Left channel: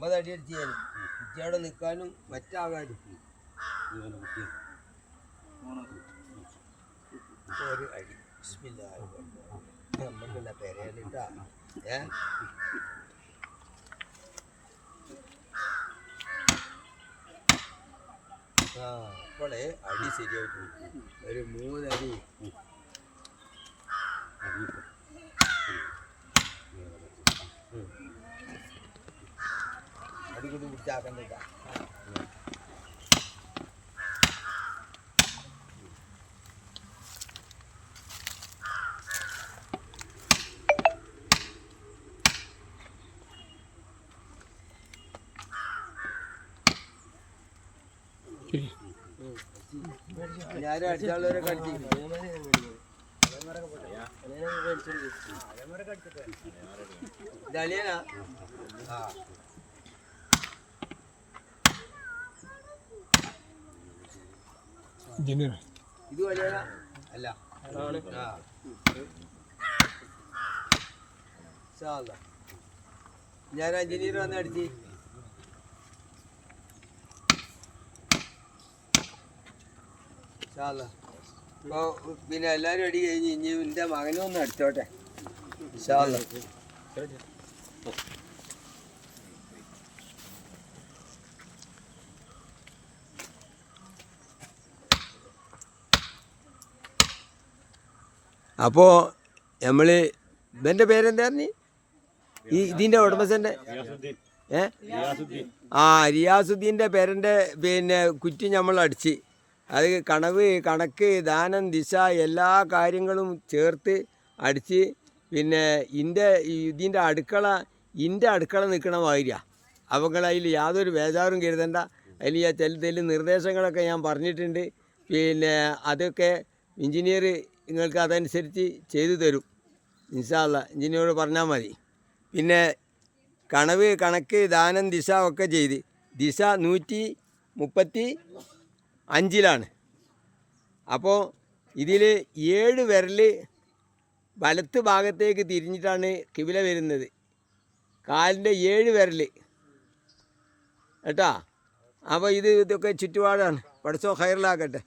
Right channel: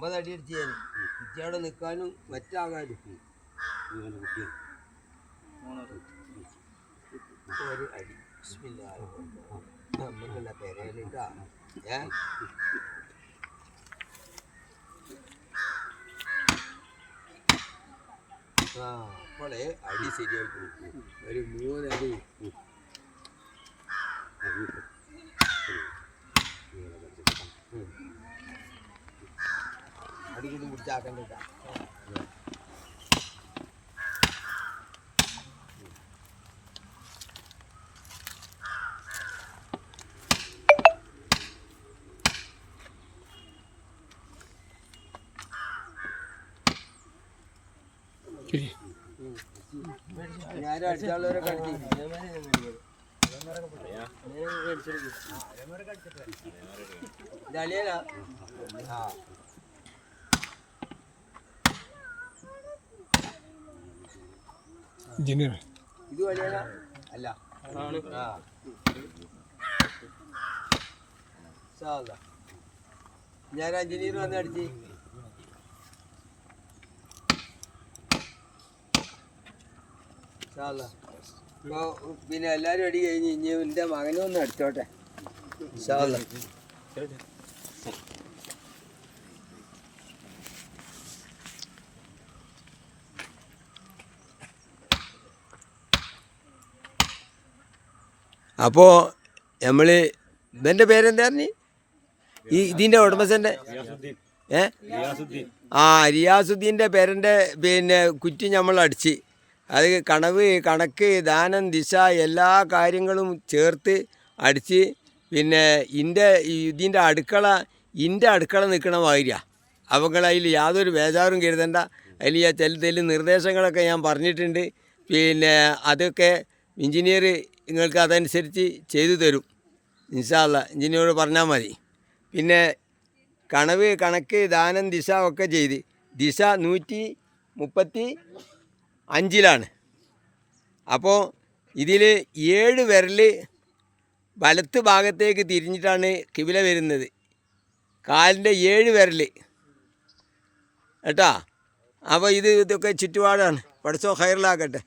50 അടി അടിച്ച് ഞാൻ കുറ്റിയാടെ നിൽക്കാനും മറ്റാകാനും ഒരു അടി നമുക്കുള്ള പെരയിലിട്ടാ അപ്പോളേ അടി ശരിയായിട്ട് ഒരു 3 അടി അടികൂടി പിടിച്ചാക്കണ്ട ഞാനും അടിച്ചാളവരെ കടിച്ചു ഇതളിയനാ ഇത് വലിയനാ അല്ല ഞാൻ എഞ്ചിനീയർ വന്ന് അടിച്ച് ഇപ്പോൾ പിന്നെ എല്ലാവരും അടി കഴിഞ്ഞ് ഇനി എൻ്റെ മകനും ഒന്ന് അടിച്ചോട്ടെ അപ്പോൾ നമ്മൾ ഇതെൻ്റെ പേരെന്താ പറഞ്ഞു ഇതിൻ്റെ ഉടമസ്ഥൻ്റെ റിയാസുദ്ദീൻ്റെ പേരൻ്റെ പിന്നെ കുറ്റി നമ്മൾ അടിച്ച് അത് കണവ് കണക്ക് ദാനം ദിശ എല്ലാ കാര്യങ്ങളും ചേർത്ത് അടിച്ച് പിന്നെ ഇതിൻ്റെ അടുക്കള നിൽക്കണ മാതിരിയാണ് അവങ്ങൾ അതിൽ യാതൊരു ബേജാറും കരുതണ്ട. അതിൽ ചില നിർദ്ദേശങ്ങളൊക്കെ ഞാൻ പറഞ്ഞിട്ടുണ്ട്. പിന്നെ അതൊക്കെ എഞ്ചിനീയർ നിങ്ങൾക്ക് അതനുസരിച്ച് ചെയ്തു തരും. ഇൻഷാ അല്ലാഹ് എഞ്ചിനീയറോട് പറഞ്ഞാൽ മതി. പിന്നെ കണവ് കണക്ക് ദാനം ദിശ ഒക്കെ ചെയ്ത് ദിശ 135 അപ്പോൾ ഇതിൽ 7 വിരൽ വലത്ത് ഭാഗത്തേക്ക് തിരിഞ്ഞിട്ടാണ് കിബില വരുന്നത്. കാലിൻ്റെ 7 വിരൽ കേട്ടോ. അപ്പോൾ ഇതൊക്കെ ചുറ്റുപാടാണ്. പടച്ചോ ഖൈറിലാക്കട്ടെ.